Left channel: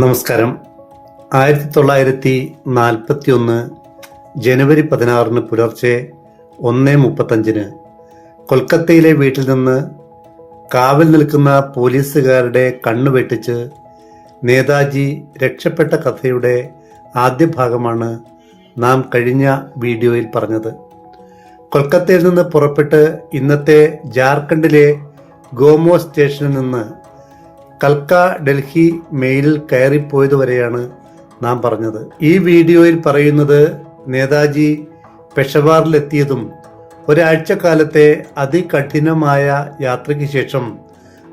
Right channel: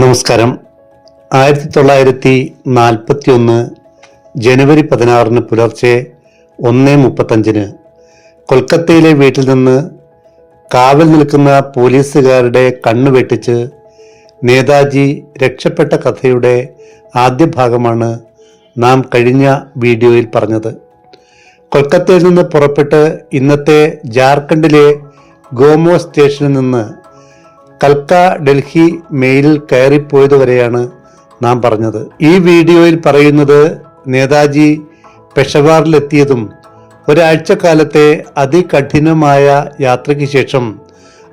നമസ്കാരം. ആയിരത്തി തൊള്ളായിരത്തി നാൽപ്പത്തി ഒന്ന് ജനുവരി പതിനാറിന് പുലർച്ചെ ഒന്ന് മുപ്പത്തഞ്ചിന് കൊൽക്കത്തയിലെ വീട്ടിൽ നിന്ന് കാവൽ നിൽക്കുന്ന പോലീസുകാരുടെ കണ്ണു വെട്ടിച്ച് നേതാജി രക്ഷപ്പെട്ട കഥയുടെ ആദ്യ ഭാഗമാണ് നാം കഴിഞ്ഞ വീഡിയോയിൽ പറഞ്ഞത്. കൊൽക്കത്തയിൽ നിന്ന് പുറപ്പെട്ട് ഇന്നത്തെ ജാർഖണ്ഡിലെ ഗോമോ സ്റ്റേഷനിൽ നിന്ന് കൽക്ക ഡൽഹി മെയിലിൽ കയറിപ്പോയത് വരെയാണ് നാം പറഞ്ഞത്. ഈ വീഡിയോയിൽ പറയുന്നത് നേതാജി പെഷവാറിലെത്തിയതും ഒരാഴ്ചക്കാലത്തെ അതികഠിനമായ യാത്രയ്ക്ക് ശേഷം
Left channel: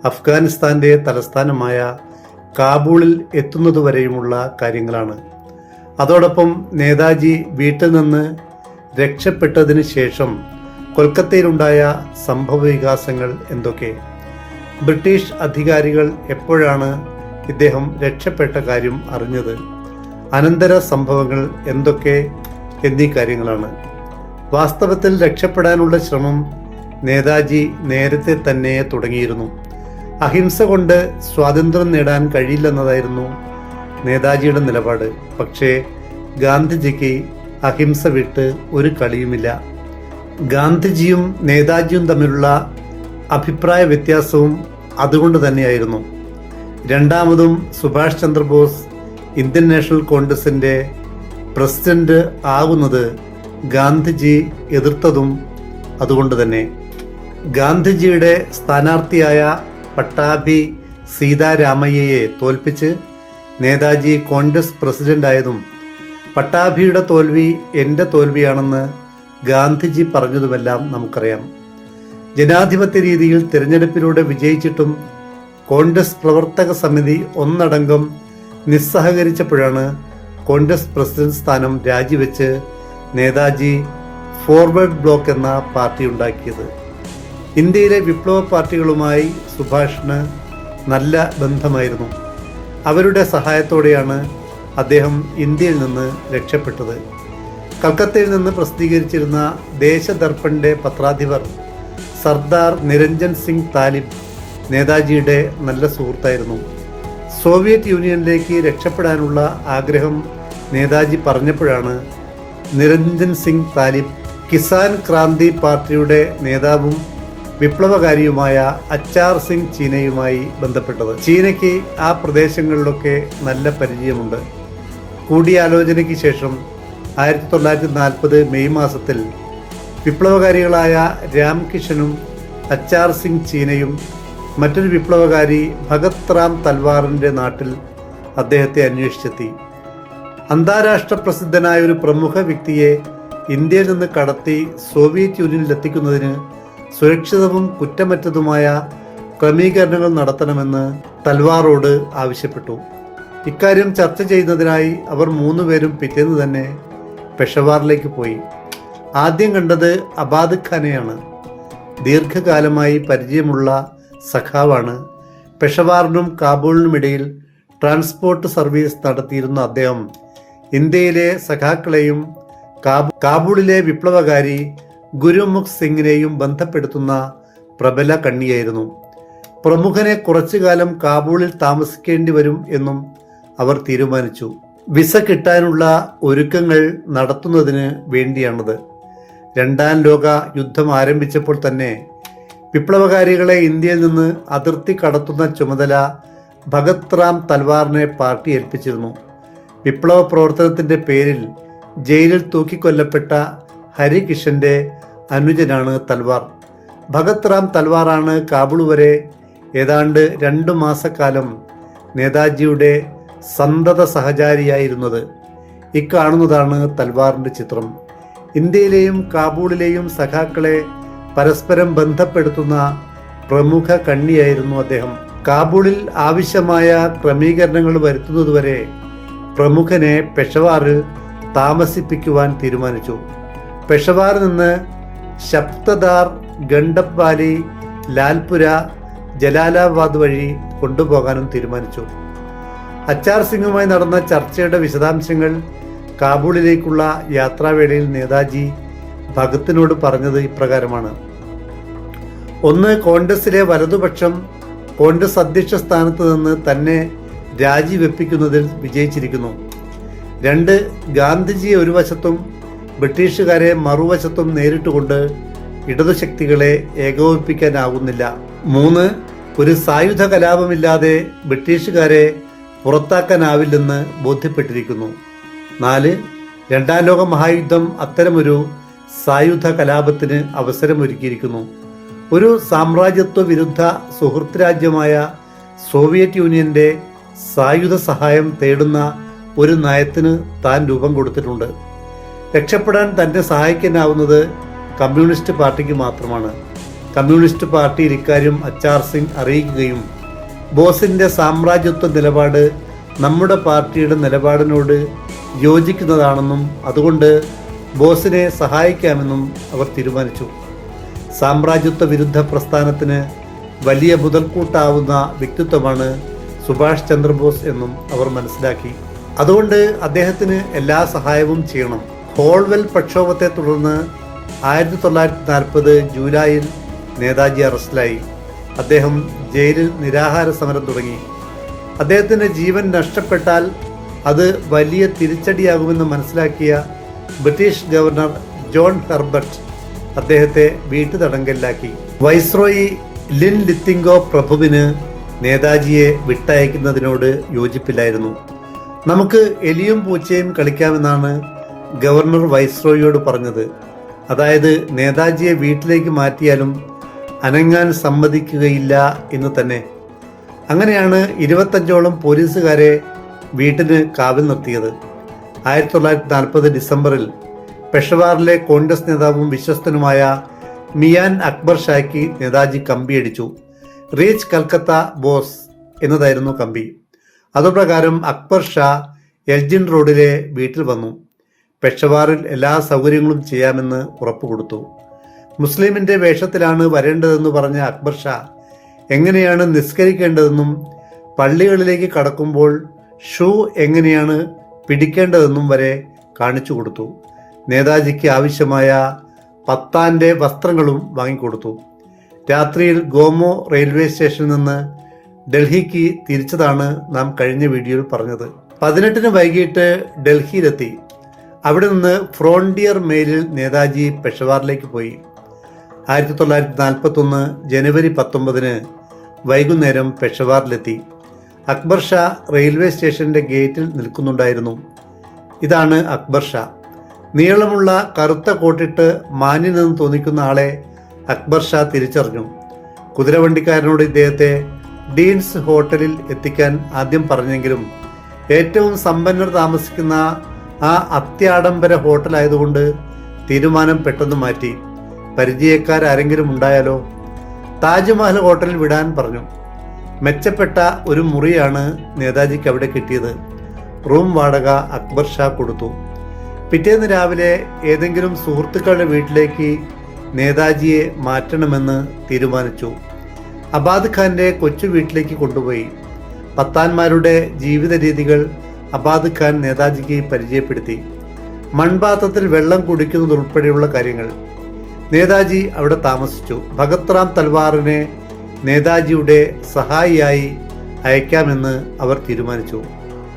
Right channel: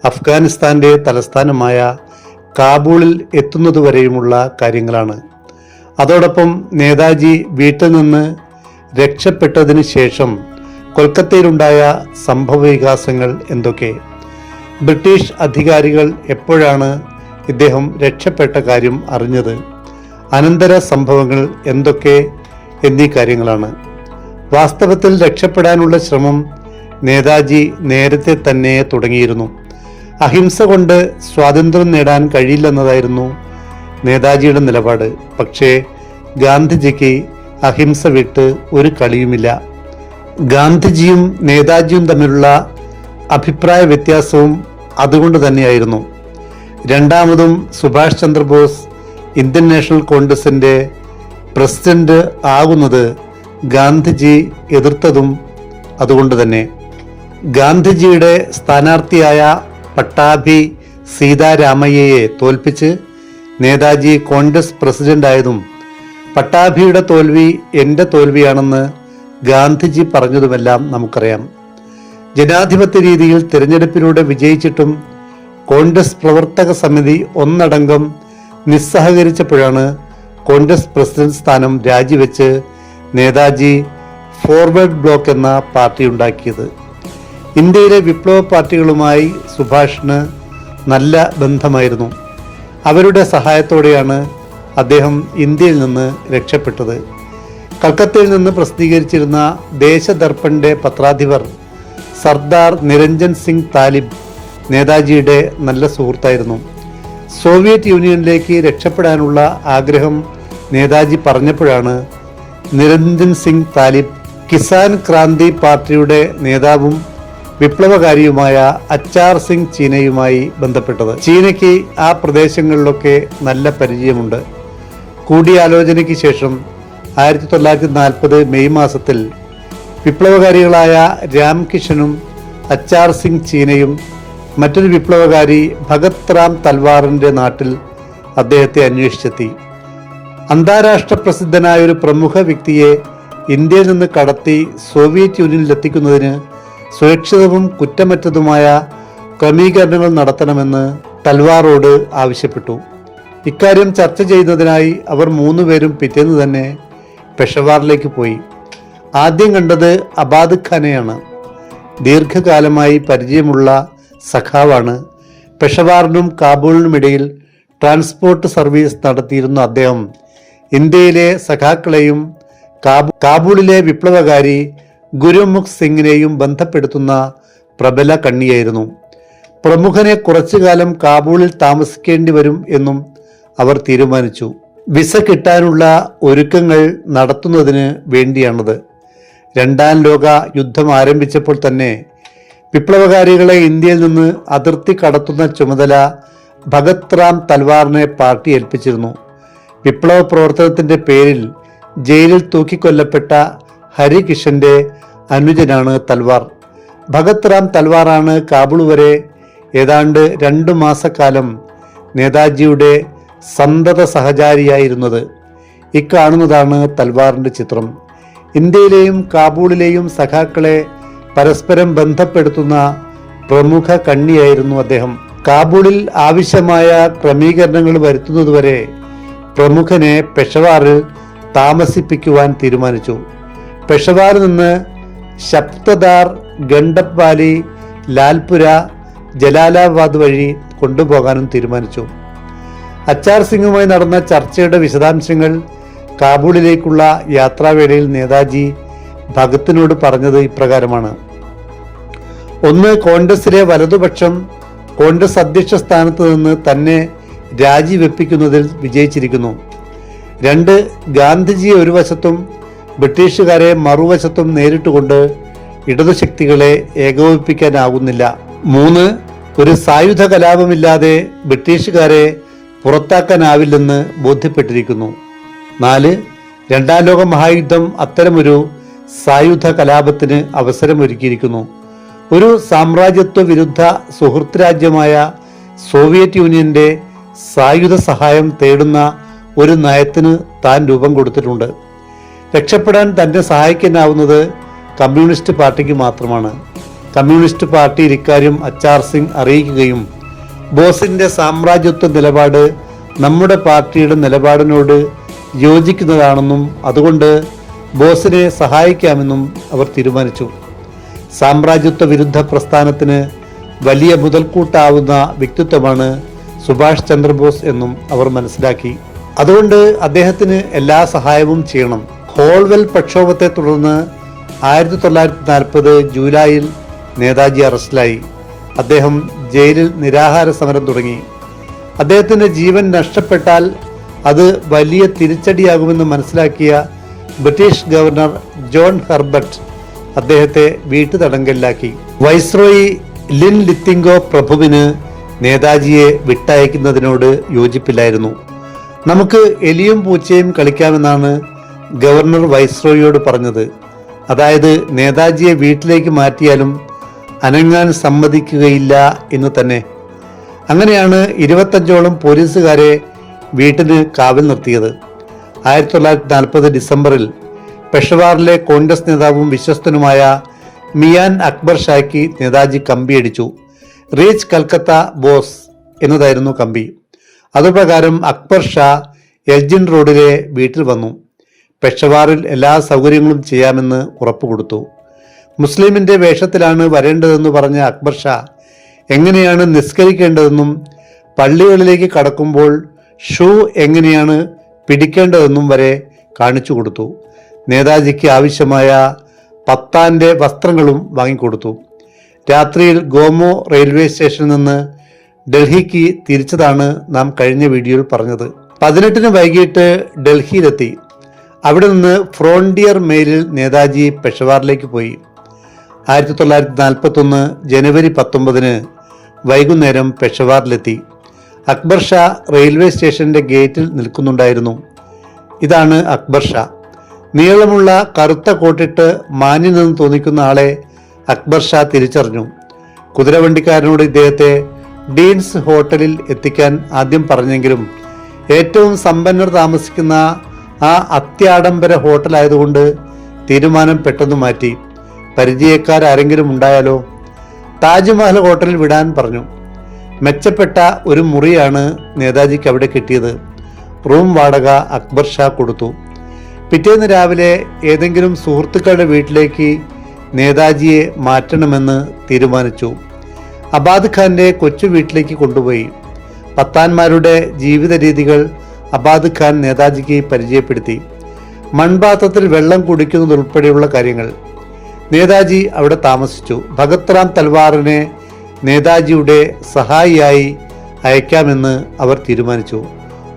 അഫ്ഗാനിസ്ഥാന്റെ തലസ്ഥാനമായ കാബൂളിൽ എത്തുന്നതുവരെയുമുള്ള കാര്യങ്ങളാണ്. അതോടൊപ്പം നേതാജി വീട്ടിൽ നിന്ന് രക്ഷപ്പെട്ടതിന് ശേഷം കൊൽക്കത്തയിലുണ്ടായ സംഭവ വികാസങ്ങൾ എന്തൊക്കെ? ബ്രിട്ടീഷ് അധികാരികൾ എപ്പോഴാണ് ഇദ്ദേഹം രക്ഷപ്പെട്ട കാര്യം അറിഞ്ഞത്? അനന്തര സംഭവങ്ങൾ എന്തൊക്കെ എന്നീ കാര്യങ്ങളാണ്. വാസ്തവത്തിൽ രക്ഷപ്പെടാനുള്ള ശ്രമം നേതാജി നേരത്തെ തന്നെ തുടങ്ങിയിരുന്നു. അഹിംസ കൊണ്ട് സ്വാതന്ത്ര്യം നേടാൻ കഴിയില്ലെന്നതായിരുന്നു നേതാജിയുടെ നിലപാട്. പക്ഷേ ഗാന്ധിജിക്ക് അഹിംസ വിട്ട് ഒരു കളിയുമില്ല. ഗാന്ധിജിയും നേതാജിയും തമ്മിലുള്ള അഭിപ്രായ വ്യത്യാസവും അതുകൊണ്ട് തന്നെയായിരുന്നു. രണ്ടാമതും സുഭാഷ് ചന്ദ്രബോസ് ഇന്ത്യൻ നാഷണൽ കോൺഗ്രസിന്റെ പ്രസിഡന്റ് ആകുന്നത് ഗാന്ധിജി എതിർത്തതും അതുകൊണ്ട് തന്നെ. ഗാന്ധിജിയുടെ സ്ഥാനാർത്ഥിയായ പട്ടാഭി സീതാരാമയ്യയെ തോൽപ്പിച്ച് നേതാജി കോൺഗ്രസ് പ്രസിഡന്റായതും പട്ടാഭിയുടെ തോൽവി എന്റെ തോൽവിയാണെന്ന് ഗാന്ധിജി പറഞ്ഞതുമെല്ലാം നമുക്കറിയാം. ജനാധിപത്യ രീതിയിൽ തിരഞ്ഞെടുപ്പിലൂടെ വിജയിച്ചിട്ടും കോൺഗ്രസ് പ്രവർത്തക സമിതി ഒന്നടങ്കം നിസ്സഹകരിച്ചപ്പോഴാണ് കോൺഗ്രസ് പ്രസിഡന്റ് സ്ഥാനം രാജിവെച്ച് നേതാജി ഫോർവേഡ് ബ്ലോക്ക് എന്ന പാർട്ടി ഉണ്ടാക്കിയത്. ഇന്ത്യയിലെ വിപ്ലവ പാർട്ടികളുമായി സുഭാഷിന് നല്ല ബന്ധമായിരുന്നു. അവരുടെ സഹായത്തോടെയാണ് അദ്ദേഹം ഇന്ത്യയിൽ നിന്ന് രക്ഷപ്പെട്ടത്. കൽക്കത്തയിൽ നിന്ന് പ്രസിദ്ധീകരിച്ചിരുന്ന ദേശദർപ്പന്റെ പത്രാധിപർ സർദാർ നിരഞ്ജൻ സിംഗ് താലിബ് നേതാജിയുടെ നല്ല സുഹൃത്തായിരുന്നു. സോവിയറ്റ് യൂണിയനിലേക്ക് രക്ഷപ്പെടാനുള്ള ആഗ്രഹം നേതാജി പറഞ്ഞപ്പോഴാണ് നിരഞ്ജൻ സിംഗ് താലിബ് കിസാൻ ക്രാന്തി പാർട്ടിയുടെ നേതാവും വിപ്ലവകാരിയുമായ അച്ചാർ സിംഗ് ചീനയുമായി ബന്ധപ്പെട്ടത്. ചീനയ്ക്ക് ആ പ്രദേശങ്ങളിലൊക്കെ നല്ല പരിചയമുണ്ട്. കൂടിയാലോചനയ്ക്ക് ശേഷം ആയിരത്തി തൊള്ളായിരത്തി നാൽപ്പത് മെയ് മാസത്തിൽ വിപ്ലവകാരികളായ രാംകിഷനും അച്ചാർ സിംഗ് ചീനയും മറ്റൊരു വിപ്ലവകാരി ഭഗത് റാം തൽവാറിന്റെ നാട്ടിൽ അദ്ദേഹത്തെ അന്വേഷിച്ചെത്തി. അന്താരാഷ്ട്ര പ്രസിദ്ധനായ ഒരു പ്രമുഖ വ്യക്തിയെ ഇന്ത്യയിൽ നിന്ന് കടത്തി സോവിയറ്റ് യൂണിയനിൽ എത്തിക്കുന്നതിന് സുരക്ഷിതവും കുറ്റമറ്റതുമായ ക്രമീകരണങ്ങൾ നടത്തണമെന്ന് തൽവാറോട് ആവശ്യപ്പെട്ടു. ഇക്കാര്യം ചർച്ച ചെയ്യുന്നതിനായി അവർ മൂന്നുപേരും പിറ്റേന്ന് തന്നെ പെഷവാറിലേക്ക് പോയി. ആദ്യം കണ്ടത് അബാദ് ഖാനെയാണ്. ദീർഘകാലമായി പരിചയമുള്ള സഖാവാണ്. പെഷവാറിനും കാബൂളിനുമിടയിൽ ട്രാൻസ്പോർട്ട് സർവീസ് നടത്തിയിരുന്ന അദ്ദേഹം. ഇന്ത്യയിലെ സഖാക്കളെയും കാബൂ- കാബൂളിലെ വിപ്ലവകാരി ഗുരുമുഖ് സിംഗിനെയും ബന്ധപ്പെടുത്തുന്ന പ്രബല കണ്ണിയായിരുന്നു. പ്രമുഖനെ കുറച്ചു കാലം കാബൂളിൽ താമസിക്കേണ്ടി വരും എന്നും അവർ തീരുമാനിച്ചു. വിസ കിട്ടാനുള്ള ഒരുക്കങ്ങൾ നടത്തുന്നതിന് വേണ്ടിയാണത്. രണ്ടാം ലോക യുദ്ധം ആരംഭിച്ചപ്പോൾ തന്നെ വിപ്ലവകാരികളെ ഇന്ത്യയിൽ നിന്ന് അതിർത്തി കടത്തുന്ന ചുമതല ഭഗത് റാം തൽവാറിനെ പാർട്ടി ഏൽപ്പിച്ചിരുന്നു. വിപ്ലവ പ്രവർത്തനത്തിന്റെ പേരിൽ ജയിലിൽ തൂക്കിക്കൊല്ലപ്പെട്ട ഹരികിഷന്റെ അനുജനാണ് തൽവാർ. ഭഗത് റാം തൽവാറാണ് കാബൂൾ വരെ ഏതാണ്ട് രണ്ട് മാസക്കാലം നേതാജിയുടെ സന്തത സഹചാരിയായിരുന്നത്. ഇക്കാണുന്നതാണ് തൽവാറിന്റെ ചിത്രം. ഇന്ത്യയിലെയും കാബൂളിലെയും സഖാക്കളെ പരസ്പരം ബന്ധപ്പെടുത്തുന്ന പ്രമുഖ കണ്ണിയായിരുന്നു അദ്ദേഹം. കാബൂളിൽ ആവശ്യമായ ക്രമീകരണങ്ങൾ വരുത്തുന്നതുവരെ പ്രമുഖനെ പെഷവാറിൽ താമസിപ്പിക്കുവാൻ തീരുമാനിച്ചു. പെഷവാറിൽ നിന്ന് ശബ്ദദാർ ഗണ്ടപ്പാലി ലാൽപുര ജലാലാബാദ് വഴി കൊണ്ടുപോകാനും തീരുമാനിച്ചു. അച്ചാർ സിംഗുമായി നടന്ന ചർച്ചയുടെ വിശദാംശങ്ങൾ കാബൂളിലേക്കുള്ള യാത്രാവേളയിൽ നേതാജി ഭഗത്തിനോട് പറഞ്ഞത് ഇപ്രകാരമാണ്. ഒന്ന് കോൺഗ്രസിലെ വലതുപക്ഷം കോൺഗ്രസ് അധ്യക്ഷ സ്ഥാനത്ത് നിന്ന് തന്നെ രാജിവെപ്പിക്കുന്നതിൽ വിജയിച്ചിരിക്കുന്നു. രണ്ട് ഗാന്ധിജിയെ ഒരു വശത്തും ബ്രിട്ടീഷുകാരെ മറുവശത്തും നേരിട്ടുകൊണ്ട് ഇടതുശക്തികളെ ഏകോപിപ്പിക്കാനാകുന്നില്ല മൂന്ന് ഒരു സായുധ കലാപമില്ലാതെ ബ്രിട്ടീഷുകാരെ പുറത്താക്കാനാവില്ലെന്ന് ബോധ്യപ്പെട്ടിരിക്കുന്നു. നാല് രണ്ടാം ലോക മഹായുദ്ധം അത്തരമൊരു സായുധ കലാപത്തിന് അവസരമൊരുക്കിയിരിക്കുന്നു. ഒരു സാമ്രാജ്യത്വ വിരുദ്ധ സുഹൃത്ത് രാജ്യമായ സോവിയറ്റ് യൂണിയന്റെ സായുധ സഹായം തേടുന്ന ഒരു നയത്തിന് താൻ രൂപം കൊടുത്തിട്ടുണ്ട്. രക്ഷപ്പെടാൻ തന്നെ സഹായിക്കാനാവുന്നത് കമ്മ്യൂണിസ്റ്റ് പാർട്ടിക്ക് മാത്രമാണ്. കമ്മ്യൂണിസ്റ്റ് പാർട്ടി ഇക്കാര്യം അച്ചാർ സിംഗ് അറിയിക്കുകയും ബോസിന്റെ സാമ്രാജ്യത്വ നിലപാട് നമ്മുടെ പാർട്ടിയുടെ നിലപാടിനോട് യോജിക്കുന്നതാണെന്നും അതുകൊണ്ട് ബോസിനെ സഹായിക്കാമെന്നും അവർ തീരുമാനിച്ചു. സാമ്രാജ്യത്വ വിരുദ്ധ പ്രസ്ഥാനത്തിന് വലിയ മുതൽക്കൂട്ടാവുന്ന വ്യക്തിത്വമാണ് സുഭാഷ് ചന്ദ്രബോസ് എന്നും അവർ മനസ്സിലാക്കി. അതുകൊണ്ട് അദ്ദേഹത്തിന് എല്ലാ സഹായവും ചെയ്യണം. ഹോൾവെൽ പ്രക്ഷോഭത്തെ തുടർന്ന് ആയിരത്തി തൊള്ളായിരത്തി നാൽപ്പത് ജൂലൈയിൽ നേതാജി അറസ്റ്റിലായി. അദ്ദേഹം ജയിലിൽ നിരാഹാര സമരം തുടങ്ങി. അദ്ദേഹത്തിന്റെ ജീവൻ നഷ്ടപ്പെട്ടാൽ അത് വലിയ തിരിച്ചടിയാകുമെന്ന് മനസ്സിലാക്കിയ ബ്രിട്ടീഷ് ഗവർണർ ജോൺ ഹെർബർട്ട് അദ്ദേഹത്തെ വീട്ടുതടങ്കലിലാക്കി. Viceroy Lin ലിത്തിങ്കോ പ്രഭുവിന് നേതാജിയെ വിട്ടയക്കുന്നതിനോട് യോജിപ്പില്ലായിരുന്നു. നമുക്ക് എലിയും പൂച്ചയും കളിക്കാമെന്നാണ് ഗവർണർ വൈസ്രോയിയോട് പറഞ്ഞത്. അതായത് നേതാജിയെ വീട്ടിലേക്ക് മാറ്റിയാലും അനങ്ങാൻ സമ്മതിക്കുകയില്ല എന്ന് തന്നെ. അങ്ങനെയാണ് ഇരുപത്തഞ്ചോളം പോലീസുകാരെ വീട്ടിന് കാവൽ നിർത്തിയത്. ആയിരത്തി തൊള്ളായിരത്തി നാൽപ്പത് ഡിസംബറിൽ പെഷവാറിലെ കോൺഗ്രസ് നേതാവും വിശ്വസ്തനുമായ മിയാൻ അക്ബർ ഷായ്ക്ക് നേതാജി കമ്പിയടിച്ചു റീച്ച് കൽക്കത്ത ബോസ് എന്നതായിരുന്നു കമ്പി. അതുപ്രകാരം അക്ബർ ഷാ എൽജിൻ റോഡിലെ വീട്ടിൽ വന്നു. പെഷവാറിൽ എല്ലാ സൗകര്യങ്ങളും ചെയ്യാമെന്ന് ഉറപ്പു കൊടുത്തു. മുസ്ലിമിന്റെ വേഷത്തിലാണ് വരേണ്ടതെന്ന് പറഞ്ഞ അക്ബർ ഷാ എങ്ങനെയാണ് നിസ്കരിക്കേണ്ടതെന്നും പള്ളികളിലേക്ക് കടക്കുമ്പോൾ ഷൂ എങ്ങനെയാണ് പിടിക്കേണ്ടതെന്നും വരെ കാണിച്ചു കൊടുത്തു. നേതാജിക്ക് ആവശ്യമായ പത്താന്റെ വസ്ത്രങ്ങളും വാങ്ങിക്കൊടുത്തു. രാത്രിയിൽ ഗോമോ റെയിൽവേ സ്റ്റേഷനിൽ നിന്ന് ഡൽഹിക്ക് തിരിച്ചതാണ് നാം കഴിഞ്ഞ വീഡിയോയിൽ പറഞ്ഞത്. പതിനെട്ടിന് വൈകിട്ട് ഡൽഹിയിലെത്തി. അവിടെ നിന്ന് ഫ്രോണ്ടിയർ മെയിലിൽ നേതാജി പെഷവാറിലേക്ക് പോയി. ആയിരത്തി തൊള്ളായിരത്തി നാൽപ്പത്തൊന്ന് ജനുവരി പത്തൊമ്പതിന് വൈകുന്നേരം പെഷവാറിലെത്തി. അക്ബർ ഷാ റെയിൽവേ സ്റ്റേഷന്റെ ഗേറ്റിൽ നിൽക്കുന്നുണ്ടായിരുന്നു. ഇതാണ് അക്ബർ ഷാ. നീളമുള്ള കറുത്ത കോട്ടിട്ട് മാന്യനെന്ന് തോന്നിക്കുന്ന ആളെ അക്ബർ ഷാ തിരിച്ചറിഞ്ഞു. കുതിരവണ്ടിക്കാരനോട് ഇദ്ദേഹത്തെ ഡീൻസ് ഹോട്ടലിൽ എത്തിക്കാൻ ആദ്യം പറഞ്ഞെങ്കിലും ഏറ്റവും സമ്പന്നർ താമസിക്കുന്ന ആ അത്യാഡംബര ഹോട്ടലായതുകൊണ്ട് തീരുമാനം പെട്ടെന്ന് മാറ്റി. പരിചയക്കാരെങ്കിലും ഉണ്ടായാലോ? താജ്മഹൽ ഹോട്ടലിൽ വിടാൻ പറഞ്ഞു. മെച്ചപ്പെട്ട ഒരു മുറിയാണ് നേതാജിക്ക് അവിടെ കിട്ടിയത്. റൂം വാടക അക്ബർ ഷാ കൊടുത്തു. പിറ്റേന്ന് രാവിലെ ഏതെങ്കിലും സുഹൃത്തുക്കളുടെ വീട്ടിലേക്ക് നേതാജിയെ മാറ്റണമെന്ന് തീരുമാനിച്ചു. അബാദ് ഖാന്റെ കൊച്ചു വീട്ടിലേക്ക് കൊണ്ടുപോയി. പത്താന്മാരുടെ ജീവിത രീതികൾ അബാദ് ഖാൻ നേതാജിക്ക് പരിചയപ്പെടുത്തി. മൺപാത്രത്തിൽ വെള്ളം കുടിക്കുന്നതുൾപ്പെടെയുള്ള കാര്യങ്ങൾ. നേതാജി അവിടെ താമസിച്ചു. ഭഗത് റാം തൽവാറിനെ നേതാജിയുടെ സഹായിയായി അയക്കാമെന്ന് അവർ തീരുമാനിച്ചു.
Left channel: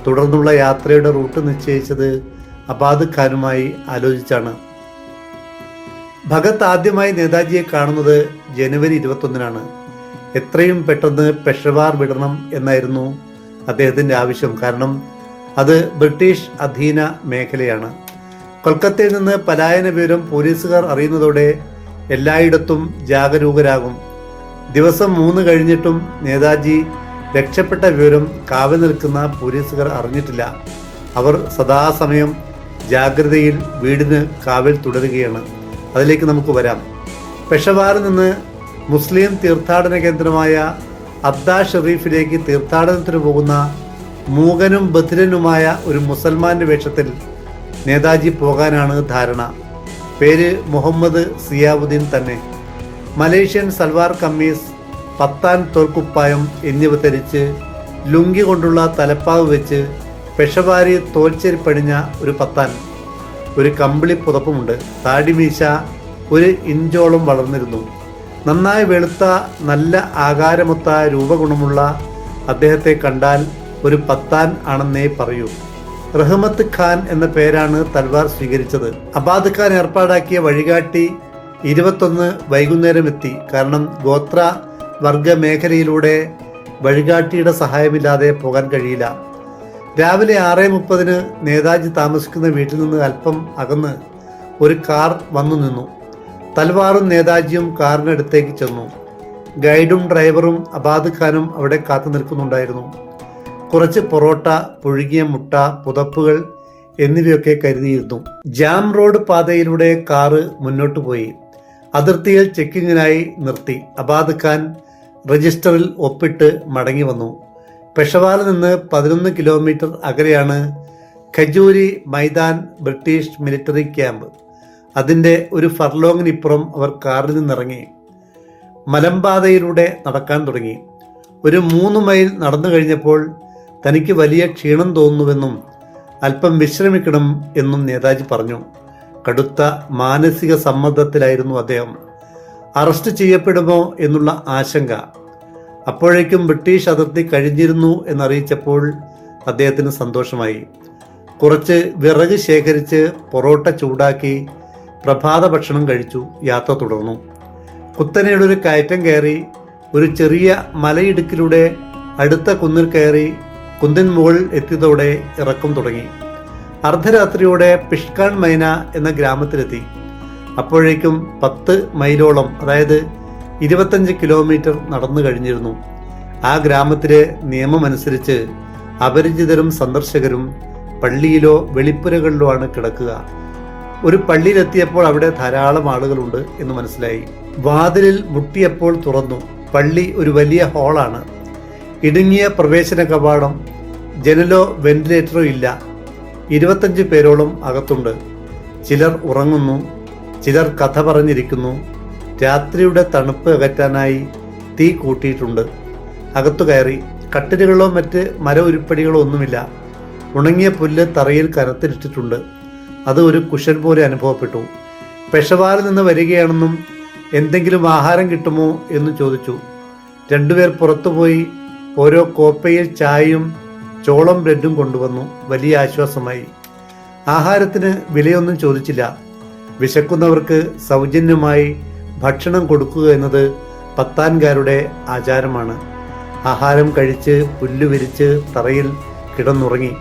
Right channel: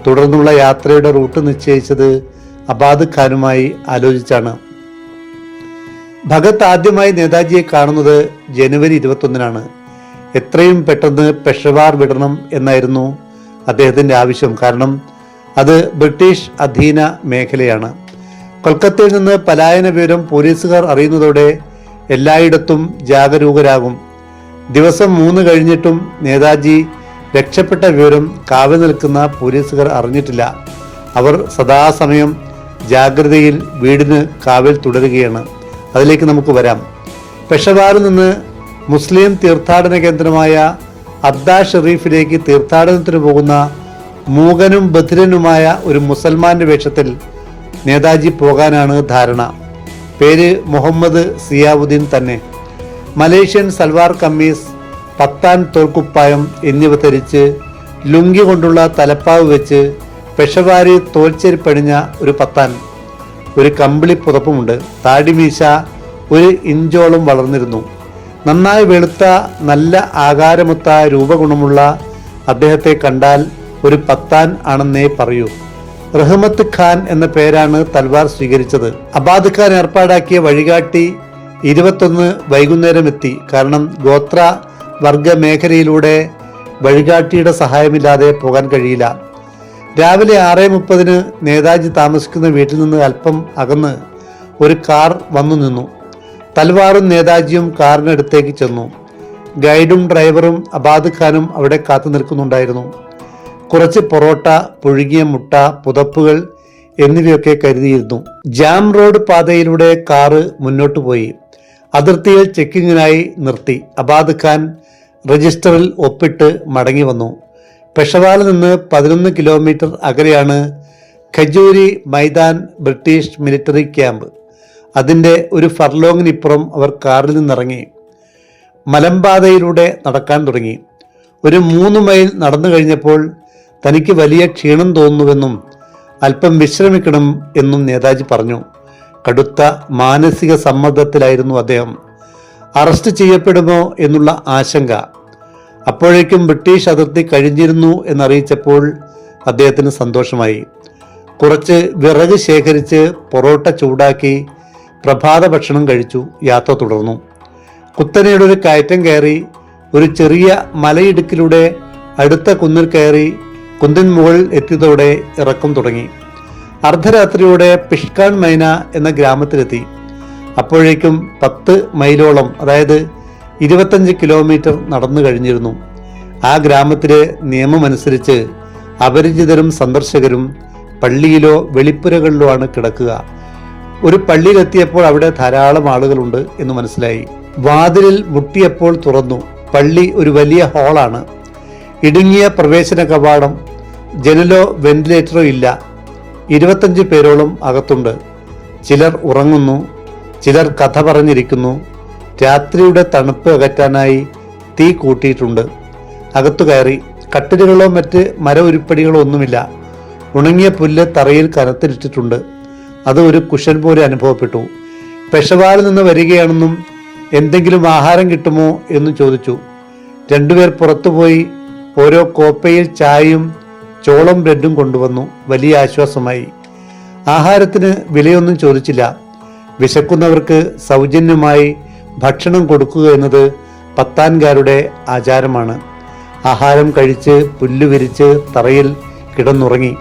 തുടർന്നുള്ള യാത്രയുടെ റൂട്ട് നിശ്ചയിച്ചത് അബാദ് ഖാനുമായി ആലോചിച്ചാണ്. ഭഗത് ആദ്യമായി നേതാജിയെ കാണുന്നത് ജനുവരി ഇരുപത്തൊന്നിനാണ്. എത്രയും പെട്ടെന്ന് പെഷവാർ വിടണം എന്നായിരുന്നു അദ്ദേഹത്തിന്റെ ആവശ്യം. കാരണം അത് ബ്രിട്ടീഷ് അധീന മേഖലയാണ്. കൊൽക്കത്തയിൽ നിന്ന് പലായന വിവരം പോലീസുകാർ അറിയുന്നതോടെ എല്ലായിടത്തും ജാഗരൂകരാകും. ദിവസം മൂന്ന് കഴിഞ്ഞിട്ടും നേതാജി രക്ഷപ്പെട്ട വിവരം കാവൽ നിൽക്കുന്ന പോലീസുകാർ അറിഞ്ഞിട്ടില്ല. അവർ സദാസമയം ജാഗ്രതയിൽ വീടിന് കാവൽ തുടരുകയാണ്. അതിലേക്ക് നമുക്ക് വരാം. പെഷവാറിൽ നിന്ന് മുസ്ലിം തീർത്ഥാടന കേന്ദ്രമായ അദ്ദാ ഷെറീഫിലേക്ക് തീർത്ഥാടനത്തിന് പോകുന്ന മൂകനും ബധിരനുമായ ഒരു മുസൽമാന്റെ വേഷത്തിൽ നേതാജി പോകാനാണ് ധാരണ. പേര് മുഹമ്മദ് സിയാവുദ്ദീൻ തന്നെ. മലേഷ്യൻ സൽവാർ കമ്മീസ് പത്താൻ തോൽക്കുപ്പായം എന്നിവ ധരിച്ച് ലുങ്കി കൊണ്ടുള്ള തലപ്പാവ് വെച്ച് പെഷവാരി തോൽച്ചെരിപ്പണിഞ്ഞ ഒരു പത്താൻ. ഒരു കമ്പിളി പുതപ്പുമുണ്ട്. താടിമീശ ഒരു ഇഞ്ചോളം വളർന്നിരുന്നു. നന്നായി വെളുത്ത നല്ല ആകാരമൊത്ത രൂപഗുണമുള്ള അദ്ദേഹത്തെ കണ്ടാൽ ഒരു പത്താൻ ആണെന്നേ പറയൂ. റഹ്മത്ത് ഖാൻ എന്ന പേരാണ് തൽവാർ സ്വീകരിച്ചത്. അബാദ് ഖാൻ ഏർപ്പാടാക്കിയ വഴികാട്ടി ഇരുപത്തൊന്ന് വൈകുന്നേരം എത്തി കാരണം ഗോത്ര വർഗ മേഖലയിലൂടെ വഴികാട്ടിയുടെ സഹായമില്ലാതെ പോകാൻ കഴിയില്ല. രാവിലെ ആറ് മുപ്പതിന് നേതാജി താമസിക്കുന്ന വീട്ടിൽ നിന്ന് അല്പം അകന്ന് ഒരു കാർ വന്നു നിന്നു. തൽവാറും നേതാജിയും കാറിനടുത്തേക്ക് ചെന്നു. ഗൈഡും ഡ്രൈവറും അബാദ് ഖാനും അവിടെ കാത്തു നിൽക്കുന്നുണ്ടായിരുന്നു. കുറച്ച് പൊറോട്ട പുഴുകിയ മുട്ട പുതപ്പുകൾ എന്നിവയൊക്കെ കരുതിയിരുന്നു. ജാം റോഡ് പാതയിലൂടെ കാറ് മുന്നോട്ട് പോയി. അതിർത്തിയിൽ ചെക്കിങ്ങിനായി നിർത്തി. അബാദ് ഖാൻ രജിസ്റ്ററിൽ ഒപ്പിട്ട് മടങ്ങി വന്നു. പെഷവാറിൽ നിന്ന് പതിനൊന്ന് കിലോമീറ്റർ അകലെയാണ് Khajuri Maidan British military camp. അതിന്റെ ഒരു ഫർലോങ്ങിനിപ്പുറം അവർ കാറിൽ നിന്നിറങ്ങി. മലമ്പാതയിലൂടെ നടക്കാൻ തുടങ്ങി. ഒരു മൂന്ന് മൈൽ നടന്നു കഴിഞ്ഞപ്പോൾ തനിക്ക് വലിയ ക്ഷീണം തോന്നുന്നുവെന്നും അല്പം വിശ്രമിക്കണം എന്നും നേതാജി പറഞ്ഞു. കടുത്ത മാനസിക സമ്മർദ്ദത്തിലായിരുന്നു അദ്ദേഹം. അറസ്റ്റ് ചെയ്യപ്പെടുമോ എന്നുള്ള ആശങ്ക. അപ്പോഴേക്കും ബ്രിട്ടീഷ് അതിർത്തി കഴിഞ്ഞിരുന്നു എന്നറിയിച്ചപ്പോൾ അദ്ദേഹത്തിന് സന്തോഷമായി. കുറച്ച് വിറക് ശേഖരിച്ച് പൊറോട്ട ചൂടാക്കി പ്രഭാത ഭക്ഷണം കഴിച്ചു. യാത്ര തുടർന്നു. കുത്തനെയുടെ ഒരു കയറ്റം കയറി ഒരു ചെറിയ മലയിടുക്കിലൂടെ അടുത്ത കുന്നിൽ കയറി കുന്നിൻ മുകളിൽ എത്തിയതോടെ ഇറക്കം തുടങ്ങി. അർദ്ധരാത്രിയോടെ പിഷ്കാൻ മൈന എന്ന ഗ്രാമത്തിലെത്തി. അപ്പോഴേക്കും പത്ത് മൈലോളം അതായത് ഇരുപത്തഞ്ച് കിലോമീറ്റർ നടന്നു കഴിഞ്ഞിരുന്നു. ആ ഗ്രാമത്തിലെ നിയമമനുസരിച്ച് അപരിചിതരും സന്ദർശകരും പള്ളിയിലോ വെളിപ്പുരകളിലോ ആണ് കിടക്കുക. ഒരു പള്ളിയിലെത്തിയപ്പോൾ അവിടെ ധാരാളം ആളുകളുണ്ട് എന്ന് മനസ്സിലായി. വാതിലിൽ മുട്ടിയപ്പോൾ തുറന്നു. പള്ളി ഒരു വലിയ ഹാളാണ് ഇടുങ്ങിയ പ്രവേശന കവാടം ജനലോ വെന്റിലേറ്ററോ ഇല്ല. ഇരുപത്തഞ്ച് പേരോളം അകത്തുണ്ട്. ചിലർ ഉറങ്ങുന്നു ചിലർ കഥ പറഞ്ഞിരിക്കുന്നു രാത്രിയുടെ തണുപ്പ് അകറ്റാനായി തീ കൂട്ടിയിട്ടുണ്ട്. അകത്തു കയറി കട്ടിലുകളോ മറ്റ് മര ഉരുപ്പടികളോ ഒന്നുമില്ല. ഉണങ്ങിയ പുല്ല് തറയിൽ കനത്തിലിട്ടിട്ടുണ്ട്. അത് ഒരു കുഷൻ പോലെ അനുഭവപ്പെട്ടു. പെഷവാറിൽ നിന്ന് വരികയാണെന്നും എന്തെങ്കിലും ആഹാരം കിട്ടുമോ എന്ന് ചോദിച്ചു. രണ്ടുപേർ പുറത്തുപോയി ഓരോ കോപ്പയിൽ ചായയും ചോളം ബ്രെഡും കൊണ്ടുവന്നു വലിയ ആശ്വാസമായി. ആഹാരത്തിന് വിലയൊന്നും ചോദിച്ചില്ല. വിശക്കുന്നവർക്ക് സൗജന്യമായി ഭക്ഷണം കൊടുക്കുക എന്നത് പത്താൻകാരുടെ ആചാരമാണ്. ആഹാരം കഴിച്ച് പുല്ല് വിരിച്ച് തറയിൽ കിടന്നുറങ്ങി.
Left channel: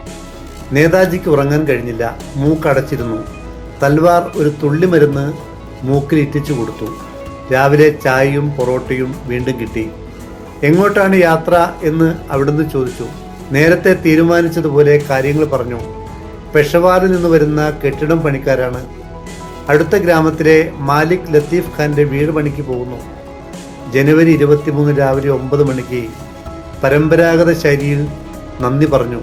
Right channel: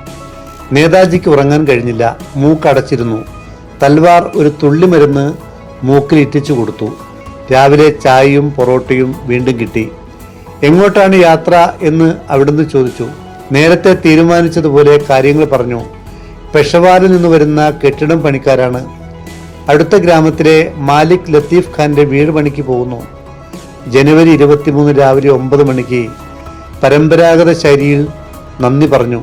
നേതാജിക്ക് ഉറങ്ങാൻ കഴിഞ്ഞില്ല. മൂക്കടച്ചിരുന്നു. തൽവാർ ഒരു തുള്ളി മരുന്ന് മൂക്കിൽ ഇറ്റിച്ചു കൊടുത്തു. രാവിലെ ചായയും പൊറോട്ടയും വീണ്ടും കിട്ടി. എങ്ങോട്ടാണ് യാത്ര എന്ന് അവിടുന്ന് ചോദിച്ചു. നേരത്തെ തീരുമാനിച്ചതുപോലെ കാര്യങ്ങൾ പറഞ്ഞു. പെഷവാറിൽ നിന്ന് വരുന്ന കെട്ടിടം പണിക്കാരാണ്. അടുത്ത ഗ്രാമത്തിലെ മാലിക് ലത്തീഫ് ഖാന്റെ വീട് പണിക്ക് പോകുന്നു. ജനുവരി ഇരുപത്തിമൂന്ന് രാവിലെ ഒമ്പത് മണിക്ക് പരമ്പരാഗത ശൈലിയിൽ നന്ദി പറഞ്ഞു.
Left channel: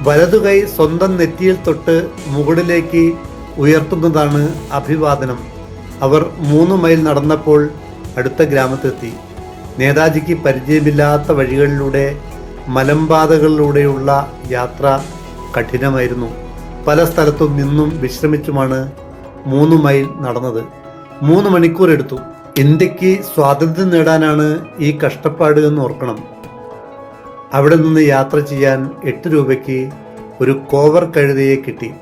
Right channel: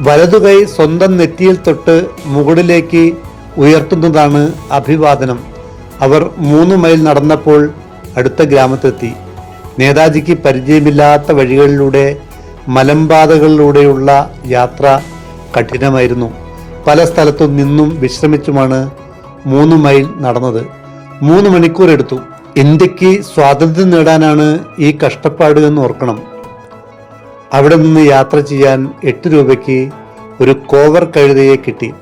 വലതുകൈ സ്വന്തം നെറ്റിയിൽ തൊട്ട് മുകളിലേക്ക് ഉയർത്തുന്നതാണ് അഭിവാദനം. അവർ മൂന്ന് മൈൽ നടന്നപ്പോൾ അടുത്ത ഗ്രാമത്തെത്തി. നേതാജിക്ക് പരിചയമില്ലാത്ത വഴികളിലൂടെ മലമ്പാതകളിലൂടെയുള്ള യാത്ര കഠിനമായിരുന്നു. പല സ്ഥലത്തും നിന്നും വിശ്രമിച്ചുമാണ് മൂന്ന് മൈൽ നടന്നത്. മൂന്ന് മണിക്കൂർ എടുത്തു. ഇന്ത്യയ്ക്ക് സ്വാതന്ത്ര്യം നേടാനാണ് ഈ കഷ്ടപ്പാട് എന്ന് ഓർക്കണം. അവിടെ നിന്ന് യാത്ര ചെയ്യാൻ എട്ട് രൂപയ്ക്ക് ഒരു കോവർ കഴുതയെ കിട്ടി.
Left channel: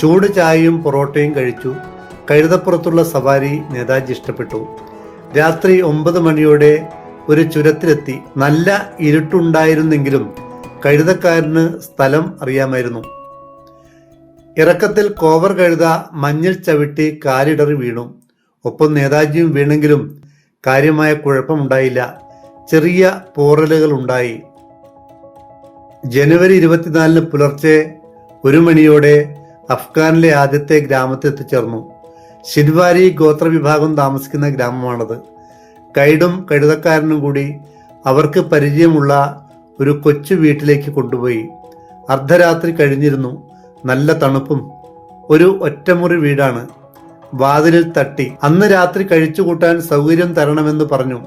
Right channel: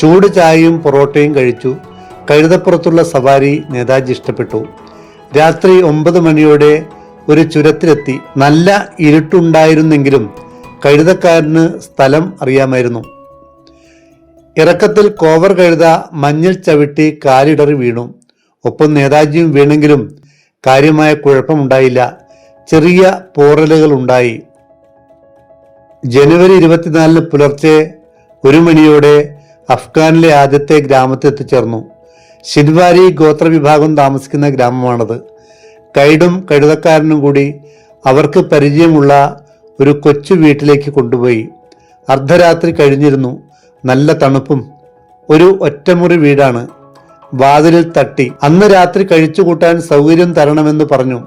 ചൂട് ചായയും പൊറോട്ടയും കഴിച്ചു. കഴുതപ്പുറത്തുള്ള സവാരി നേതാജി ഇഷ്ടപ്പെട്ടു. രാത്രി ഒമ്പത് മണിയോടെ ഒരു ചുരത്തിലെത്തി നല്ല ഇരുട്ടുണ്ടായിരുന്നെങ്കിലും കഴുതക്കാരന് സ്ഥലം അറിയാമായിരുന്നു. ഇറക്കത്തിൽ കോവർ കഴുത മഞ്ഞൾ ചവിട്ടി കാലിടറി വീണു. ഒപ്പം നേതാജിയും വീണെങ്കിലും കാര്യമായ കുഴപ്പമുണ്ടായില്ല. ചെറിയ പോറലുകൾ ഉണ്ടായി ജനുവരി ഇരുപത്തിനാലിന് പുലർച്ചെ ഒരു മണിയോടെ അഫ്ഗാനിലെ ആദ്യത്തെ ഗ്രാമത്തിൽ എത്തിച്ചേർന്നു ഷിൻവാരി ഗോത്രവിഭാഗം താമസിക്കുന്ന ഗ്രാമമാണത്. ഗൈഡും കഴുതക്കാരനും കൂടി അവർക്ക് പരിചയമുള്ള ഒരു കൊച്ചു വീട്ടിലേക്ക് കൊണ്ടുപോയി. അർദ്ധരാത്രി കഴിഞ്ഞിരുന്നു. നല്ല തണുപ്പും ഒരു ഒറ്റമുറി വീടാണ്. വാതിലിൽ തട്ടി. അന്ന് രാത്രി കഴിച്ചു കൂട്ടാൻ സൗകര്യം തരണമെന്ന് പറഞ്ഞു.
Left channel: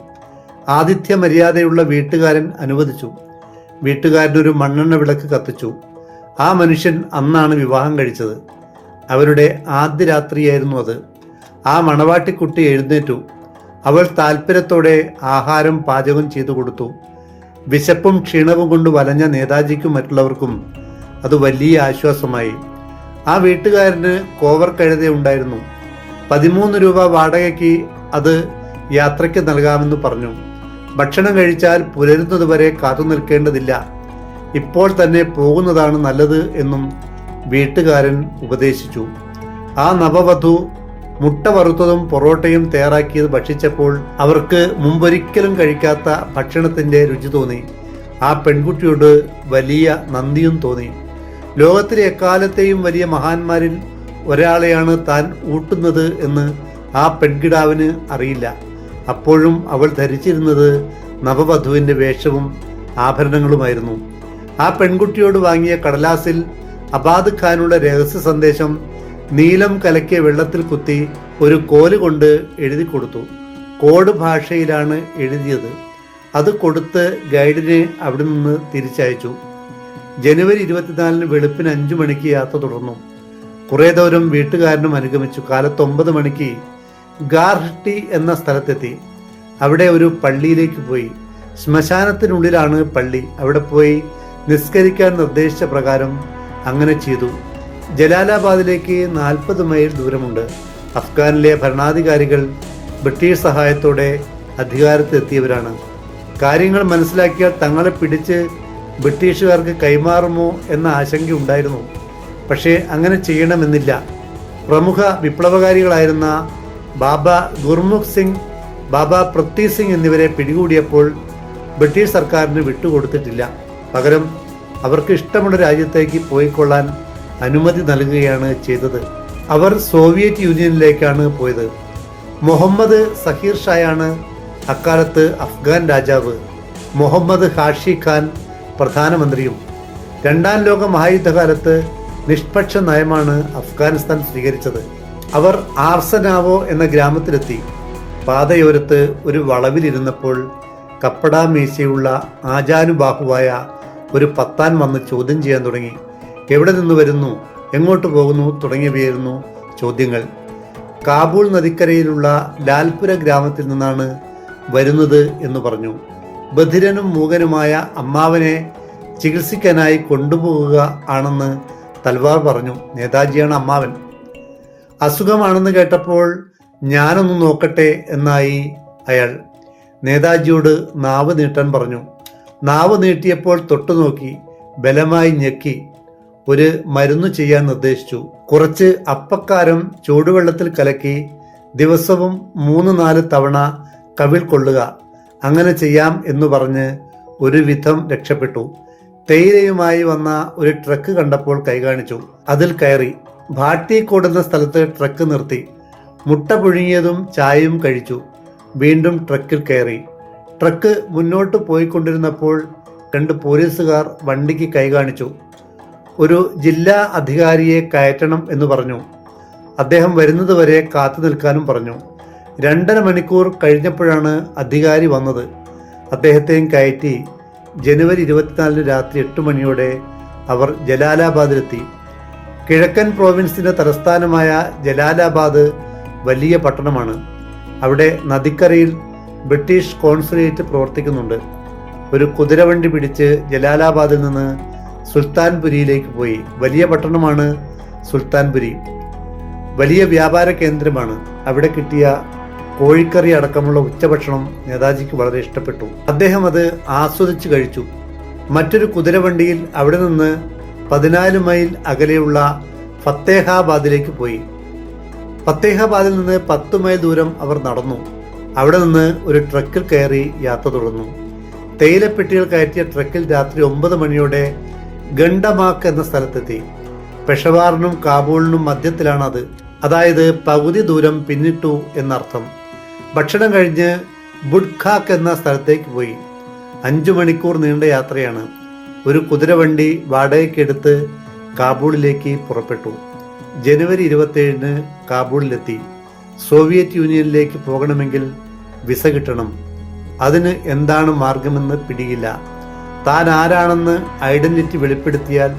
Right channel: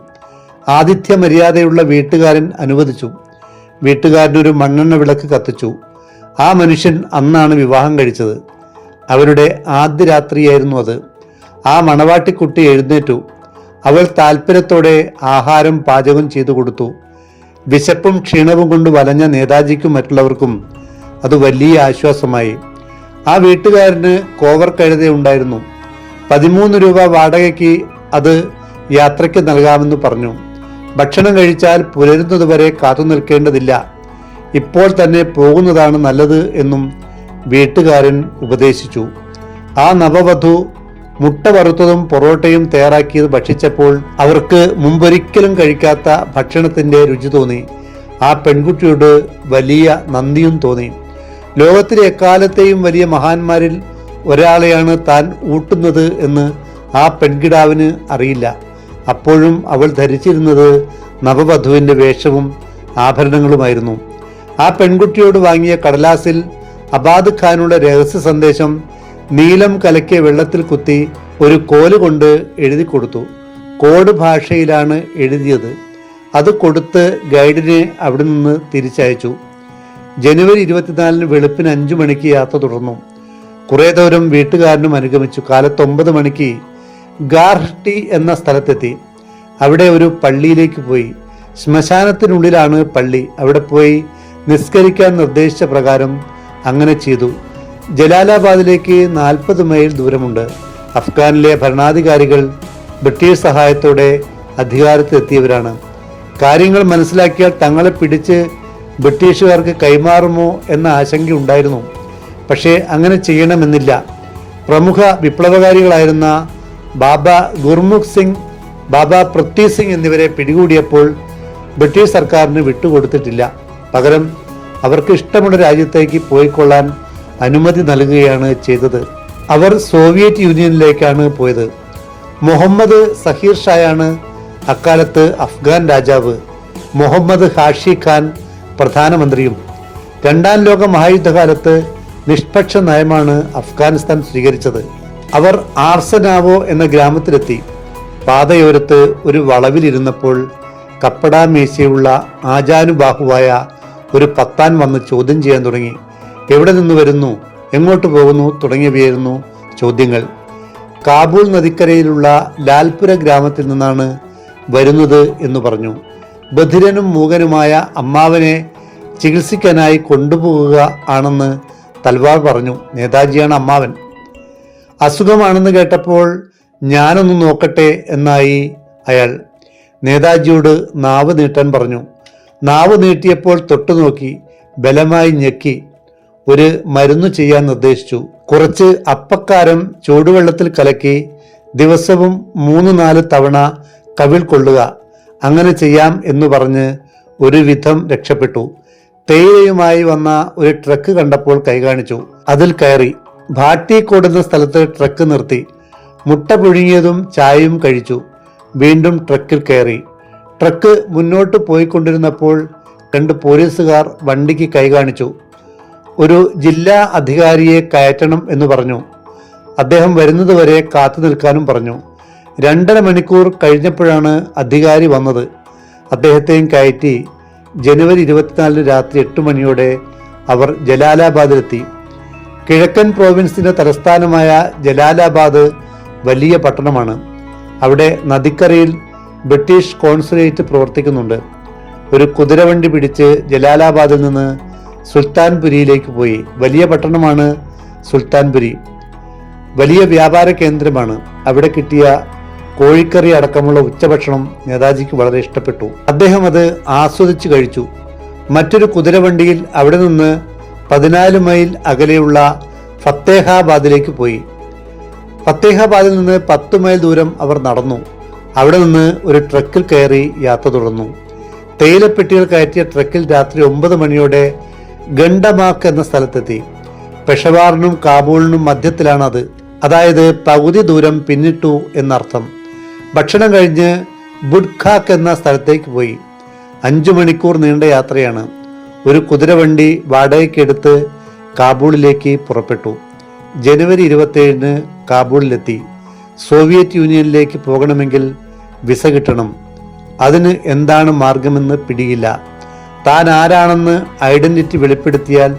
ആതിഥ്യ മര്യാദയുള്ള വീട്ടുകാരൻ അനുവദിച്ചു. വീട്ടുകാരനൊരു മണ്ണെണ്ണ വിളക്ക് കത്തിച്ചു. ആ മനുഷ്യൻ അന്നാണ് വിവാഹം കഴിച്ചത്. അവരുടെ ആദ്യ രാത്രിയായിരുന്നു അത്. ആ മണവാട്ടിക്കുട്ടി എഴുന്നേറ്റു. അവൾ താൽപ്പര്യത്തോടെ ആഹാരം പാചകം ചെയ്തു കൊടുത്തു. വിശപ്പും ക്ഷീണവും കൊണ്ട് വലഞ്ഞ നേതാജിക്കും മറ്റുള്ളവർക്കും അത് വലിയ ആശ്വാസമായി. ആ വീട്ടുകാരന് കോവർ കഴുത ഉണ്ടായിരുന്നു. പതിമൂന്ന് രൂപ വാടകയ്ക്ക് അത് യാത്രയ്ക്ക് നൽകാമെന്ന് പറഞ്ഞു. ഭക്ഷണം കഴിച്ചാൽ പുലരുന്നതുവരെ കാത്തു നിൽക്കേണ്ടതില്ല. ഇപ്പോൾ തന്നെ പോകുന്നതാണ് നല്ലത് എന്നും വീട്ടുകാരൻ ഉപദേശിച്ചു. ആ നവവധു മുട്ട വറുത്തതും പൊറോട്ടയും തയ്യാറാക്കിയത് ഭക്ഷിച്ചപ്പോൾ അവർക്ക് മുമ്പൊരിക്കലും കഴിക്കാത്ത ഭക്ഷണത്തിന്റെ രുചി തോന്നി. ആ പെൺകുട്ടിയോട് വലിയ നന്ദിയും തോന്നി. ലോകത്തിലെ എക്കാലത്തെയും വലിയ മഹാന്മാരിൽ ഒരാളെയാണ് താൻ ഊട്ടുന്നത് എന്ന് ആ പെൺകിടാവിന് അറിയില്ല. അപ്പോഴും അവൾ ധരിച്ചിരുന്നത് നവവധുവിന്റെ വേഷവും ആഭരണങ്ങളുമായിരുന്നു. ആ പെൺകുട്ടിയോട് വാങ്ങിയ കടലാസിൽ അബാദ് ഖാനുള്ള രഹസ്യ സന്ദേശം നീലം കലക്കിയ വെള്ളത്തിൽ കുത്തി ഒരു കോൽ കൊണ്ട് എഴുതി കൊടുത്തു. കോഡ് ഭാഷയിലാണ് എഴുതിയത്. അത് കൊടുത്ത് ഗൈഡിനെ അവിടെ നിന്ന് തിരിച്ചയച്ചു. ജനുവരി ഇരുപത്തിനാലിന് വെളുപ്പിന് അഞ്ചു മണിക്ക് യാത്ര തുടർന്നു. കുറേ ദൂരം വീട്ടുകാരനും അനുഗമിച്ചു. കാലത്ത് ഒമ്പത് മണിക്ക് ഗാർഹട്ടി എന്ന സ്ഥലത്തെത്തി. അവിടെ ഒരു പള്ളിയിലേക്ക് പോയി. ശ്മശാനത്തിനുള്ളിലാണ് പള്ളി. അവിടെ പോയി നിസ്കരിക്കാൻ നിർദ്ദേശിച്ച പ്രകാരം അങ്ങനെ ചെയ്തു. ജലാലാബാദിലേക്ക് നാൽപ്പത് മൈൽ ദൂരമുണ്ട്. അഫ്ഗാനിലെ ഭരണാധികാരികൾ ബ്രിട്ടീഷ് സഹായത്തോടെ അധികാരത്തിലെത്തിയവരാണ്. കാര്യങ്ങൾ മനസ്സിലാക്കിയാൽ തങ്ങളെ പിടിച്ച് ബ്രിട്ടീഷുകാർക്ക് കൈമാറുമോ എന്ന ആശങ്കയുണ്ടായിരുന്നു പക്ഷേ അങ്ങനെ ചെയ്യണമെന്നില്ല. പ്രമുഖ വിപ്ലവകാരികളായിരുന്ന ബാബ ഗുർമുഖ് സിംഗ് ബാബ പൃഥ്വി സിംഗ് എന്നിവരെ പിടികൂടിയപ്പോൾ ബ്രിട്ടീഷ് സർക്കാരിന് വിട്ടുകൊടുത്തിട്ടില്ല. പകരം അവർക്ക് ഇഷ്ടമുള്ള രാജ്യത്തേക്ക് പോയിക്കൊള്ളാൻ അനുമതി നൽകുകയാണ് ചെയ്തത്. അവർ സോവിയറ്റ് യൂണിയനിലേക്കാണ് പോയത്. മുഹമ്മദ് സഹീർ ഷായാണ് അക്കാലത്ത് അഫ്ഗാൻ രാജാവ്. മുഹമ്മദ് ഹാഷി ഖാൻ പ്രധാനമന്ത്രിയും. രണ്ടാം ലോക മഹായുദ്ധകാലത്ത് നിഷ്പക്ഷ നയമാണ് അഫ്ഗാനിസ്ഥാൻ സ്വീകരിച്ചത്. അവർ ആർസനാവോ എന്ന ഗ്രാമത്തിലെത്തി. പാതയോരത്ത് ഒരു വളവിലിരുന്നപ്പോൾ കപ്പടാ മീശയുള്ള ആജാനുബാഹുവായ ഒരു പത്താൻ വന്ന് ചോദ്യം ചെയ്യാൻ തുടങ്ങി. എവിടെ നിന്ന് വരുന്നു? എങ്ങോട്ട് പോകുന്നു? തുടങ്ങിയവയായിരുന്നു ചോദ്യങ്ങൾ. കാബൂൾ നദിക്കരയിലുള്ള ലാൽപുര ഗ്രാമത്തിൽ നിന്നാണ് വരുന്നത് എന്ന് പറഞ്ഞു. ബധിരനും മൂകനുമായ അമ്മാവനെ ചികിത്സിക്കാനായി കൊണ്ടുപോകുക ആണെന്ന് തൽവാർ പറഞ്ഞു. നേതാജിയാണ് അമ്മാവൻ. അസുഖമാണെന്ന് കേട്ടപ്പോൾ ഞാനൊന്ന് നോക്കട്ടെ എന്നായി അയാൾ. നേതാജിയോട് നാവ് നീട്ടാൻ പറഞ്ഞു. നാവ് നീട്ടിയപ്പോൾ തൊട്ടു നോക്കി ബലമായി ഞെക്കി. ഒരു മരുന്ന് ചെയ്യാൻ നിർദ്ദേശിച്ചു. കുറച്ച് അപ്പക്കാരം ചൂടുവെള്ളത്തിൽ കലക്കി ദിവസവും മൂന്ന് നാല് തവണ കവിൾ കൊള്ളുക. അങ്ങനെ ചെയ്യാം എന്ന് പറഞ്ഞ് ഒരു വിധം രക്ഷപ്പെട്ടു. തേയിലയുമായി വന്ന ഒരു ട്രക്ക് കണ്ടപ്പോൾ കൈകാണിച്ചു. അതിൽ കയറി ഭാട്ടി കൂടുന്ന സ്ഥലത്ത് ട്രക്ക് നിർത്തി. മുട്ട പുഴുങ്ങിയതും ചായയും കഴിച്ചു. വീണ്ടും ട്രക്കിൽ കയറി. ട്രക്ക് മുന്നോട്ട് പോയിക്കൊണ്ടിരുന്നപ്പോൾ രണ്ട് പോലീസുകാർ വണ്ടിക്ക് കൈകാണിച്ചു. ഒരു ജില്ലാ അധികാരിയെ കയറ്റണം എന്ന് പറഞ്ഞു. അദ്ദേഹം വരുന്നതുവരെ കാത്തു നിൽക്കാനും പറഞ്ഞു. രണ്ടര മണിക്കൂർ കഴിഞ്ഞപ്പോഴാണ് അധികാരി വന്നത്. അദ്ദേഹത്തെയും കയറ്റി. ജനുവരി ഇരുപത്തിനാലിന് രാത്രി എട്ട് മണിയോടെ അവർ ജലാലാബാദിലെത്തി. കിഴക്കൻ പ്രോവിൻസിന്റെ തലസ്ഥാനമായ ജലാലാബാദ് വലിയ പട്ടണമാണ്. അവിടെ നദിക്കരയിൽ ബ്രിട്ടീഷ് കോൺസുലേറ്റ് പ്രവർത്തിക്കുന്നുണ്ട്. ഒരു കുതിരവണ്ടി പിടിച്ച് ജലാലാബാദിൽ നിന്ന് സുൽത്താൻപുരിയിലേക്ക് പോയി. വലിയ പട്ടണമാണ് സുൽത്താൻപുരി. വലിയ വ്യാപാര കേന്ദ്രമാണ്. അവിടെ കിട്ടിയ കോഴിക്കറി അടക്കമുള്ള ഉച്ചഭക്ഷണം നേതാജിക്ക് വളരെ ഇഷ്ടപ്പെട്ടു. അദ്ദേഹം അത് ആസ്വദിച്ചു കഴിച്ചു. മറ്റൊരു കുതിരവണ്ടിയിൽ അവിടെ നിന്ന് പതിനാല് മൈൽ അകലെയുള്ള ഫത്തേഹാബാദിലേക്ക് പോയി. ഫത്തേഹാബാദിൽ നിന്ന് പത്ത് മൈൽ ദൂരം അവർ നടന്നു. അവിടെ നിന്ന് ഒരു ട്രക്കിൽ കയറി യാത്ര തുടർന്നു. തേയിലപ്പെട്ടികൾ കയറ്റിയ ട്രക്കിൽ രാത്രി ഒമ്പത് മണിയോടെ ഗണ്ടമാക്ക് എന്ന സ്ഥലത്തെത്തി. പെഷവാറിനും കാബൂളിനും മധ്യത്തിലാണ് അത് അതായത് പകുതി ദൂരം പിന്നിട്ടു എന്നർത്ഥം. ഭക്ഷണം കഴിഞ്ഞ് ബുഡ്ഖാക്ക് എന്ന സ്ഥലത്തേക്ക് പോയി. അഞ്ചു മണിക്കൂർ നീണ്ട യാത്രയാണ്. ഒരു കുതിരവണ്ടി വാടകയ്ക്കെടുത്ത് കാബൂളിലേക്ക് പുറപ്പെട്ടു. ജനുവരി ഇരുപത്തേഴിന് കാബൂളിലെത്തി. സോവിയറ്റ് യൂണിയനിലേക്ക് പോകണമെങ്കിൽ വിസ കിട്ടണം. അതിന് എന്താണ് മാർഗമെന്ന് പിടിയില്ല. താൻ ആരാണെന്ന് ഐഡന്റിറ്റി വെളിപ്പെടുത്തിയാൽ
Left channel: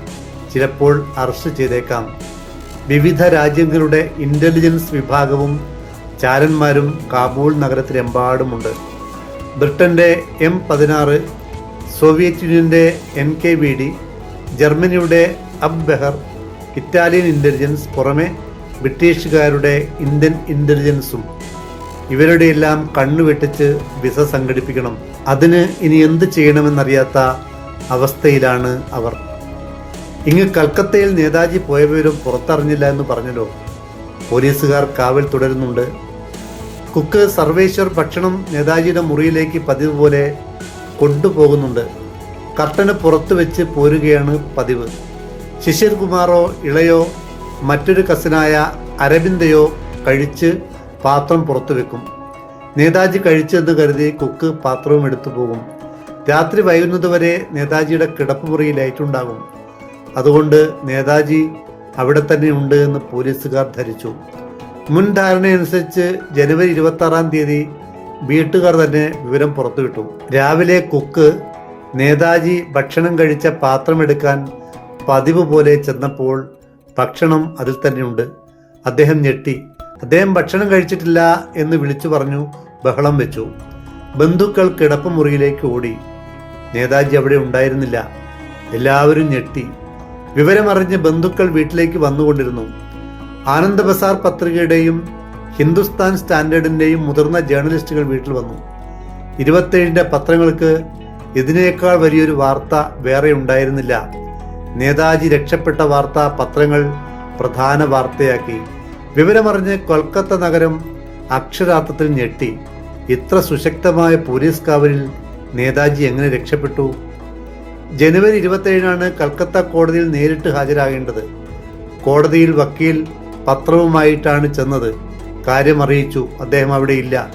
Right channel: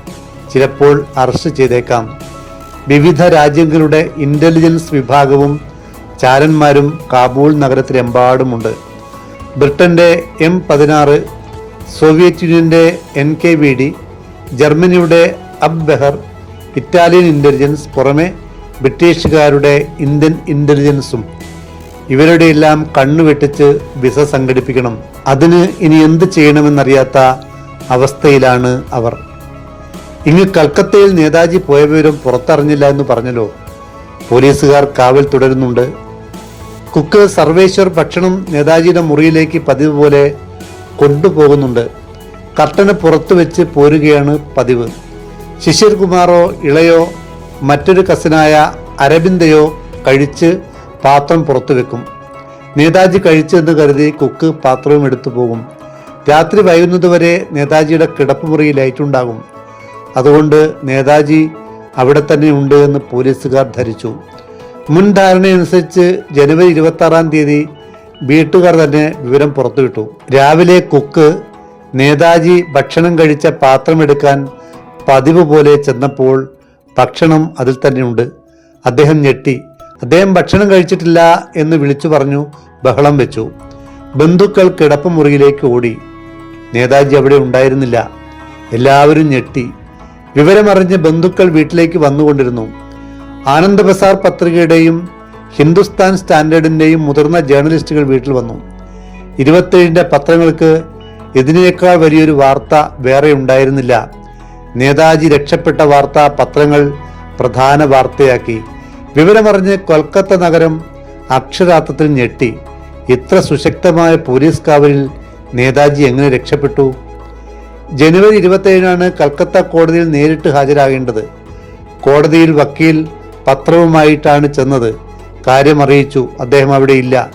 ചിലപ്പോൾ അറസ്റ്റ് ചെയ്തേക്കാം. വിവിധ രാജ്യങ്ങളുടെ ഇന്റലിജൻസ് വിഭാഗവും ചാരന്മാരും കാബൂൾ നഗരത്തിലെമ്പാടുമുണ്ട്. ബ്രിട്ടന്റെ എം പതിനാറ് സോവിയറ്റ് യൂണിയന്റെ എൻ കെ വി ഡി ജർമ്മനിയുടെ അബ് ബെഹർ ഇറ്റാലിയൻ ഇന്റലിജൻസ് പുറമെ ബ്രിട്ടീഷുകാരുടെ ഇന്ത്യൻ ഇന്റലിജൻസും ഇവരുടെ എല്ലാം കണ്ണു വെട്ടിച്ച് വിസ സംഘടിപ്പിക്കണം. അതിന് ഇനി എന്ത് ചെയ്യണമെന്നറിയാത്ത അവസ്ഥയിലാണ് അവർ. ഇങ്ങ് കൽക്കത്തയിൽ നേതാജി പോയ വിവരം പുറത്തറിഞ്ഞില്ല എന്ന് പറഞ്ഞല്ലോ. പോലീസുകാർ കാവൽ തുടരുന്നുണ്ട്. കുക്ക് സർവേശ്വർ ഭക്ഷണം നേതാജിയുടെ മുറിയിലേക്ക് പതിവ് പോലെ കൊണ്ടുപോകുന്നുണ്ട്. കർട്ടന് പുറത്തു വെച്ച് പോരുകയാണ് പതിവ്. ശിശിർ കുമാറോ ഇളയോ മറ്റൊരു കസിനായ അരബിന്ദയോ കഴിച്ച് പാത്രം പുറത്തു വെക്കും. നേതാജി കഴിച്ചെന്ന് കരുതി കുക്ക് പാത്രവും എടുത്തു പോകും. രാത്രി വൈകുന്നതുവരെ നേതാജിയുടെ കിടപ്പ് മുറിയിൽ ലൈറ്റുണ്ടാകും അതുകൊണ്ട് നേതാജി അവിടെ തന്നെ ഉണ്ട് എന്ന് പോലീസുകാർ ധരിച്ചു. മുൻ ധാരണയനുസരിച്ച് ജനുവരി ഇരുപത്തി ആറാം തീയതി വീട്ടുകാർ തന്നെ വിവരം പുറത്തുവിട്ടു. രാവിലെ കുക്ക് നേതാജി ഭക്ഷണം കഴിച്ച പാത്രമെടുക്കാൻ പതിവ് പോലെ ചെന്നപ്പോൾ ഭക്ഷണം അതിൽ തന്നെയുണ്ട് അദ്ദേഹം ഞെട്ടി. അദ്ദേഹം ഭക്ഷണം കഴിച്ചിട്ടില്ല എന്ന് വിളിച്ചു പറഞ്ഞു ബഹളം വെച്ചു. ബന്ധുക്കൾ കിടപ്പുമുറിയിലേക്ക് ഓടി. നേതാജി അവിടെ ഉണ്ടായിരുന്നില്ല. എല്ലാവരും ഞെട്ടി. വിവരമറിഞ്ഞ് ബന്ധുക്കൾ വീട്ടിലേക്ക് വന്നുകൊണ്ടിരുന്നു. ആനന്ദ ബസാർ പത്രികയുടെയും ഹിന്ദുസ്ഥാൻ സ്റ്റാൻഡേർഡിന്റെയും മുതിർന്ന ജേർണലിസ്റ്റുകൾ വീട്ടിൽ വന്നു. ഇരുപത്തേഴിന്റെ പത്രങ്ങൾക്ക് ഇതിനേക്കാൾ വലിയൊരു വാർത്ത വേറെ ഉണ്ടായിരുന്നില്ല. നേതാജി രക്ഷപ്പെട്ട വാർത്ത പത്രങ്ങൾ പ്രധാന വാർത്തയാക്കി. വിവരമറിഞ്ഞ് കൊൽക്കത്ത നഗരം അക്ഷരാർത്ഥത്തിൽ ഞെട്ടി. ഇത്ര സുശക്തമായ പോലീസ് കാവലിൽ നേതാജി എങ്ങനെ രക്ഷപ്പെട്ടു? ജനുവരി ഇരുപത്തേഴിനാണ് കൽക്കത്ത കോടതിയിൽ നേരിട്ട് ഹാജരാകേണ്ടത്. കോടതിയിൽ വക്കീൽ പത്രവുമായിട്ടാണ് ചെന്നത്. കാര്യം അറിയിച്ചു അദ്ദേഹം അവിടെ ഇല്ല.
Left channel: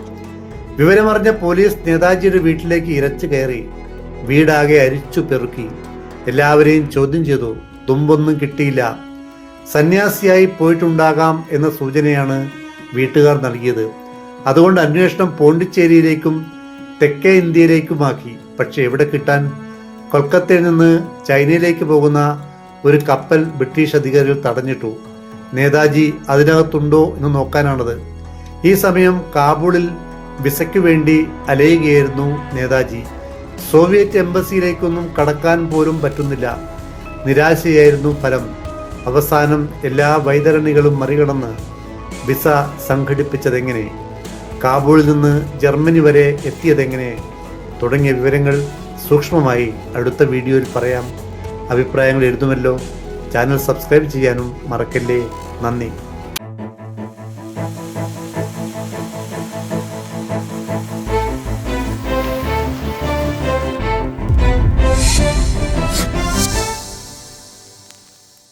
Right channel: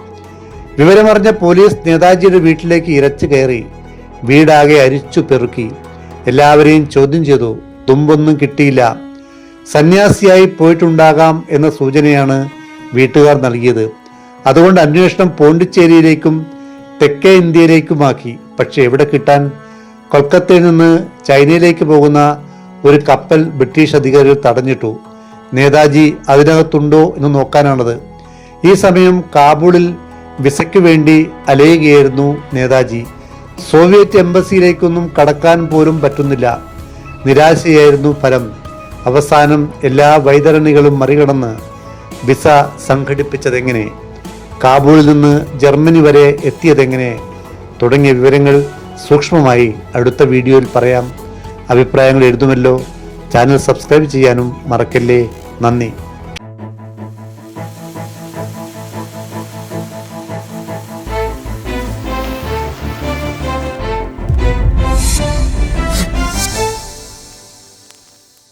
വിവരമറിഞ്ഞ പോലീസ് നേതാജിയുടെ വീട്ടിലേക്ക് ഇരച്ചു കയറി. വീടാകെ അരിച്ചു പെറുക്കി. എല്ലാവരെയും ചോദ്യം ചെയ്തു. തുമ്പൊന്നും കിട്ടിയില്ല. സന്യാസിയായി പോയിട്ടുണ്ടാകാം എന്ന സൂചനയാണ് വീട്ടുകാർ നൽകിയത്. അതുകൊണ്ട് അന്വേഷണം പോണ്ടിച്ചേരിയിലേക്കും തെക്കേ ഇന്ത്യയിലേക്കുമാക്കി. പക്ഷെ എവിടെ കിട്ടാൻ? കൊൽക്കത്തയിൽ നിന്ന് ചൈനയിലേക്ക് പോകുന്ന ഒരു കപ്പൽ ബ്രിട്ടീഷ് അധികാരികൾ തടഞ്ഞിട്ടു. നേതാജി അതിനകത്തുണ്ടോ എന്ന് നോക്കാനാണത്. ഈ സമയം കാബൂളിൽ വിസയ്ക്ക് വേണ്ടി അലയുകയായിരുന്നു നേതാജി. സോവിയറ്റ് എംബസിയിലേക്കൊന്നും കടക്കാൻ പോലും പറ്റുന്നില്ല. നിരാശയായിരുന്നു ഫലം. അവസാനം എല്ലാ വൈതരണികളും മറികടന്ന് വിസ സംഘടിപ്പിച്ചതെങ്ങനെ? കാബൂളിൽ നിന്ന് ജർമ്മനി വരെ എത്തിയതെങ്ങനെ? തുടങ്ങിയ വിവരങ്ങൾ സൂക്ഷ്മമായി അടുത്ത വീഡിയോയിൽ പറയാം. അഭിപ്രായങ്ങൾ എഴുതുമല്ലോ. ചാനൽ സബ്സ്ക്രൈബ് ചെയ്യാനും മറക്കല്ലേ. നന്ദി.